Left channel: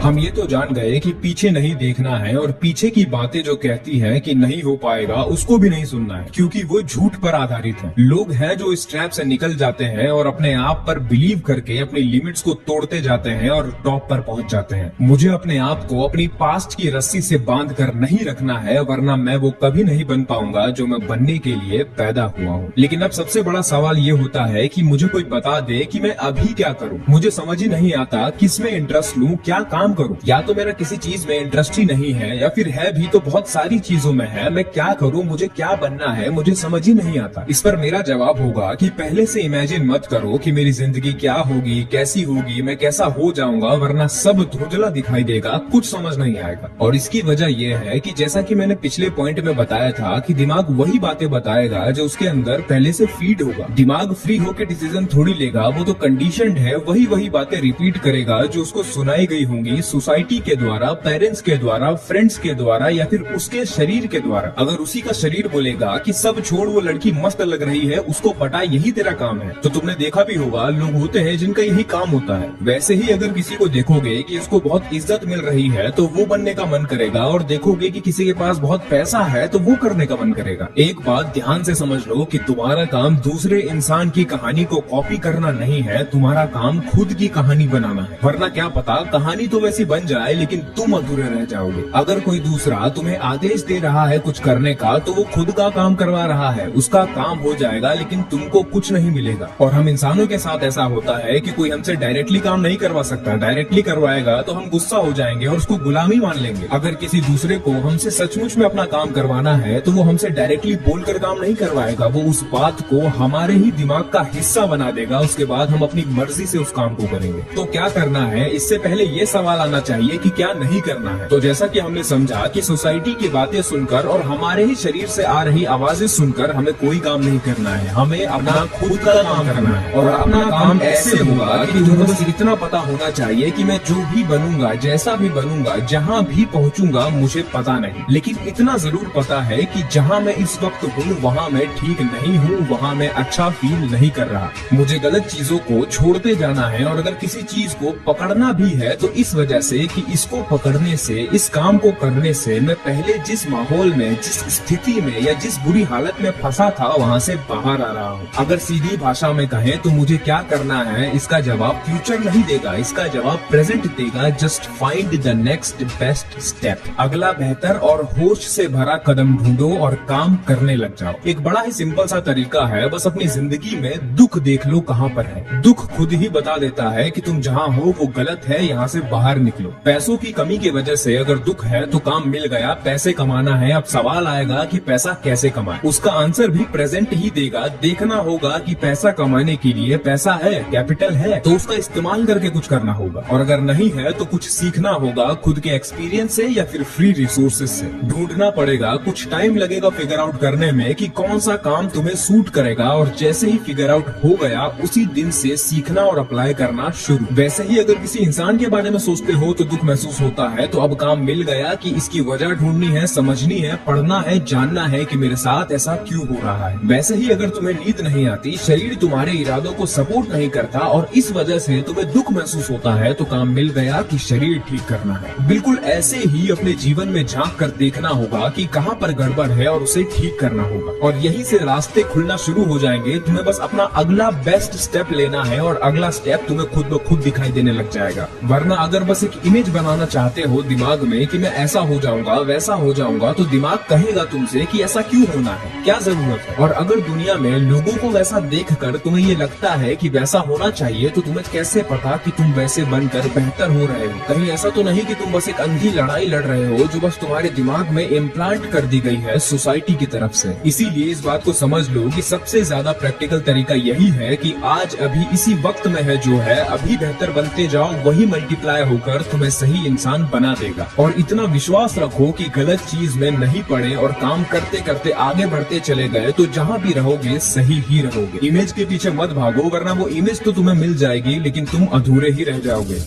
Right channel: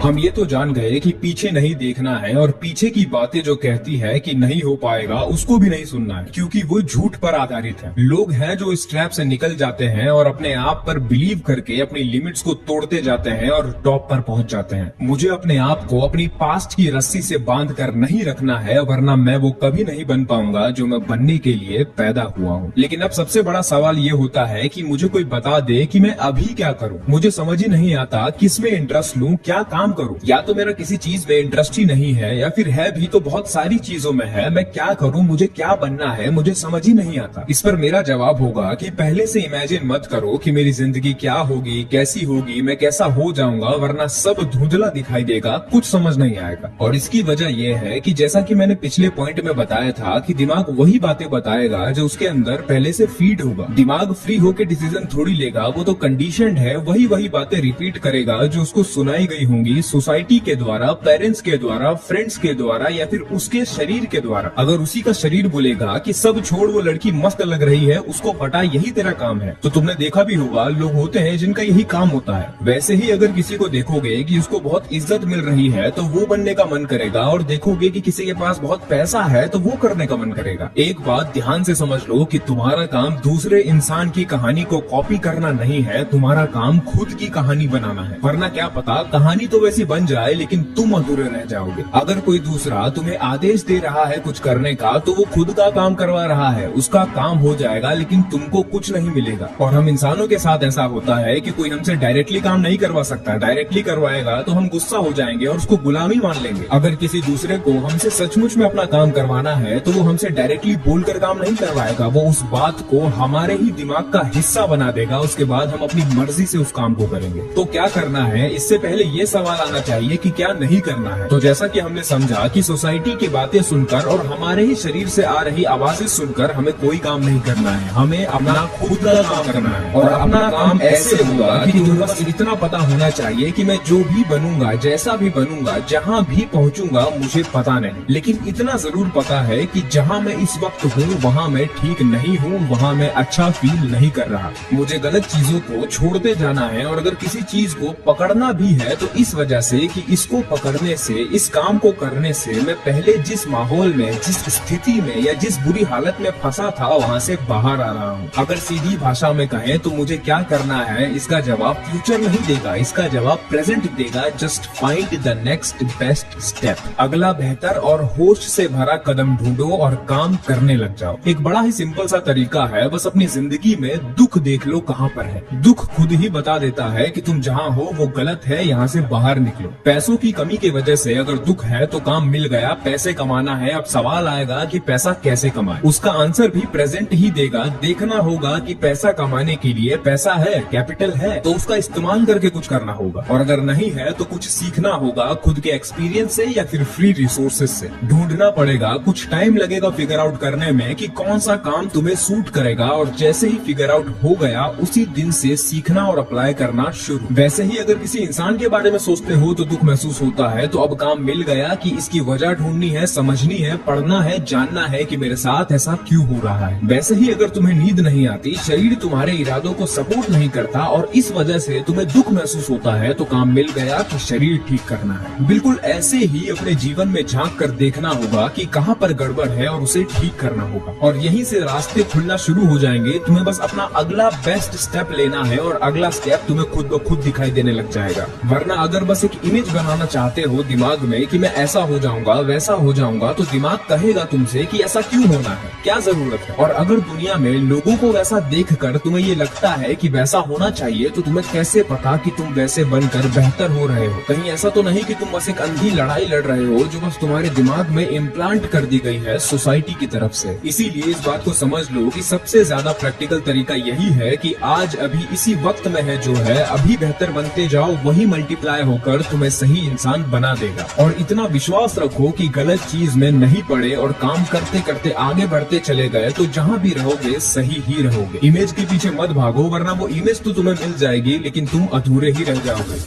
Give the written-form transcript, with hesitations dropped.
हम ये तो जान गए कि पीछे नहीं देखना है और पीछे की बातें जो कहती है कि नहीं हो पाएगा उसको भी नहीं सुनना है, क्योंकि वो झूठ पर आधारित है। लोग हैं जो इस ट्रैप से निकल जाते हैं और अपने आप पर बिलीव करके अपनी लिमिट्स को तोड़ते जाते हैं और टॉप पर पहुंच जाते हैं। मुझे अपने आप को अपनी पास्ट की रस्सी से बांध कर नहीं रखना है, वरना मैं वो कभी नहीं बन पाऊंगा जो मैं बनने के लिए पैदा हुआ हूँ। लेकिन अब सबसे बड़ा सवाल ये होता है कि मुझे कोई बता दे कि मैं अभी क्या करूँ। मुझे समझ ही नहीं आता किस में इंटरेस्ट लूँ, क्या काम करूँ। या तो मेरा किसी चीज में इंटरेस्ट ही नहीं है, या फिर है भी तो बहुत सारी चीजों में है। मैं क्या करूँ, मुझे क्या बनना है, मुझे समझ ही नहीं आता। इस पर मेरा जवाब होगा कि पहले से इमेजिन मत करो कि मेरी जिंदगी क्या होगी, कैसी होगी, मैं कैसा हो जाऊंगा, वरना सब धुंधला दिखाई देगा, कुछ समझ नहीं आएगा। और इसकी वजह यह है कि जैसा कि मैंने पिछले पॉइंट में बताया था कि दिमाग वही बातें बताएगा जो उसके अंदर पहले से फीड होगा। दिमाग फ्री होकर डिसीजन थोड़ी लेगा, वो तो कंडीशनड है। वही बातें रिपीट करेगा जो उसको सुनाई गई होंगी सोसाइटी के द्वारा, पेरेंट्स के द्वारा, फ्रेंड्स के द्वारा, या फिर उसके शरीर के द्वारा। अगर उसी का शरीर बोलेगा कि सब छोड़, वो लड़की मस्त लग रही है, उसको पटा, यही तेरा काम है, तो तुमने देखा भी होगा लोग होते हैं जिनका यही काम होता है। वैसे ही अगर किसी को देखोगे कि उसको बहुत इज्जत मिल रही है तो वो बनने का मन करेगा, और देखोगे कि किसी के पास बहुत पैसा है तो वो करने का मन करेगा। एक बात ध्यान से समझ लो कि तुम्हारा काम दूसरे इंसान की कहानी को कॉपी करना नहीं है, तुम्हारा काम खुद की कहानी बनाना है। वरना क्या पता कहानी तो वैसी बन जाए लेकिन तुम अधूरे रह जाओगे। अगर कोई दूसरा तुम्हें आदेश दे रहा है कुछ करने का तो वो खुद का काम करवा रहा है, उसका काम हो जाएगा लेकिन तुमको कुछ नहीं मिलेगा। और हम इंसानों के साथ ऐसा होता है कि कोई हमसे डायरेक्टली काम नहीं करवा सकता। डायरेक्टली करवाएगा तो हम गुस्सा हो जाएंगे और उसको गुलामी मान लेंगे। अगर किसी दूसरे को हमसे सचमुच में अपना काम करवाना है तो वो हमसे डायरेक्टली बोलकर काम नहीं करवाएगा, वो उस बात को हमारे ही दिमाग का हिस्सा बना देगा। उसके बाद हम अपनी मर्जी से उस काम को करेंगे। तो क्या करना है, इससे पहले ये सवाल आना चाहिए कि क्या नहीं करना है। तो जैसा कि हमने समझा कि सोसाइटी की बातें सुनकर और हमारे ही शरीर से आ रही आवाजें सुनकर हमें कोई काम नहीं करना है, हमें अपना खुद का काम करना है। और अपना काम ऐसे होगा कि तुम्हें बस इतना पता होना चाहिए कि मैं जो भी बनूंगा, जैसा भी बनूंगा, जहाँ भी पहुँचूंगा मुझे पता नहीं, लेकिन इतना जरूर पता है कि जहाँ मैं इस वक्त हूँ वहाँ मैं ठीक नहीं हूँ, वहाँ मैं अच्छा फील नहीं कर रहा। मुझे गलत चीजों को छोड़ते जाना है, और अगर किसी चीज को पकड़ना भी है तो इस वजह से कि इसको पकड़ने से, इस काम को करने से मैं पहले जिस माहौल में, जिस स्थिति में या जिस बुरी हालत में फंसा था वहाँ से बाहर आ रहा हूँ। अगर सीधी भाषा में कहें तो मुझे क्या करना है, इसका जवाब फ्यूचर नहीं देगा, इसका जवाब प्रेजेंट देगा। Just find the next best step. अगला बेहतर और होश से भरा कदम ढूंढो और काम करने लग जाओ। एक बड़ा ही सिंपल सा तरीका है, बस अपनी जिंदगी में दुख देख लो कहाँ पर है। दुख खुद ही बता देता है कि तुम जहाँ हो वो गलत है, यहाँ से बाहर निकलो। पैसों की कमी की वजह से अगर दुख है तो काम मिल गया, पैसे कमाना है। अब सवाल आएगा कि पैसा कैसे कमाए, उसका आंसर भी प्रेजेंट ही देगा। देखना होगा कि पैसा कमाने के लिए पैसा है, कैपिटल है, तो उसका इस्तेमाल करके कुछ करना होगा। और अगर नहीं है तो कुछ सीखना होगा, खुद के एक्सपीरियंस से या फिर फ्री रिसोर्सेज से ढूंढना पड़ेगा। कुछ टाइम लगेगा फिगर आउट करने में कि कौन सा काम तुम्हें सूट करेगा, और जैसे ही फिगर आउट हो गया उसी दिन से सीखना और अप्लाई करना शुरू। वैसे ही अगर किसी इंसान के बारे में सोचते हो तो दुख महसूस होता है, तो अब काम मिल गया कि इसकी वजह ढूंढनी है, समझनी है, पढ़ना है, जानना है कि मेरे साथ ऐसा क्यों हो रहा है। वैसे ही अगर तुम्हें नींद नहीं आती, शरीर तुम्हारे इरादों को सपोर्ट नहीं करता और इस वजह से तुम्हें दुख महसूस होता है, तो काम मिल गया कि शरीर ठीक करना है। बिल्कुल ऐसे ही अपने जीवन में झांक कर देखना होगा कि कहाँ पर गड़बड़ है और उसे ठीक करना होगा, और यहीं से रास्ते खुलना शुरू हो जाएंगे। तुम्हें बस अपना अगला बेस्ट स्टेप लेना है और अगला स्टेप तुम्हें खुद ब खुद दिखाई देने लग जाएगा। वरना अगर बस एक इमेज बनाना चाहते हो दिमाग में कि मैं ऐसा हो जाऊंगा, वैसा हो जाऊंगा, तो दिमाग कहेगा तुमसे कि ऐसा क्यों होना है, क्या जरूरत है। और अगर दुनिया में लोगों को वैसा देखकर तुम्हें ये लगता है कि वैसा होना चाहिए, तो तुम्हें कैसे पता कि तुम वैसे बनकर बेहतर हो रहे हो। कहीं ऐसा तो नहीं कि तुम बस एक अंधी लड़ाई लड़ रहे हो जो बस तुम्हारे दिमाग में इम्प्लांट कर दी गई है सोसाइटी की तरफ से। इसीलिए इस बात को समझ लो कि सबसे ज्यादा प्रैक्टिकल तरीका यही है कि आज अभी इसी वक्त में है जो है, अभी बेहतर बनते जाओ, वही मल्टीप्लाई होकर तुम्हें सही इंसान बना देगा। और इतना विश्वास रखो कि गलत चीज में नहीं पड़े और काम करते करते आगे बढ़ते चले गए, तो जहाँ भी रहोगे सही ही रहोगे। इमेज के पीछे मत भागो, वरना वो इमेज तो तुम्हें मिल जाएगी लेकिन तुम अधूरे ही रह जाओगे।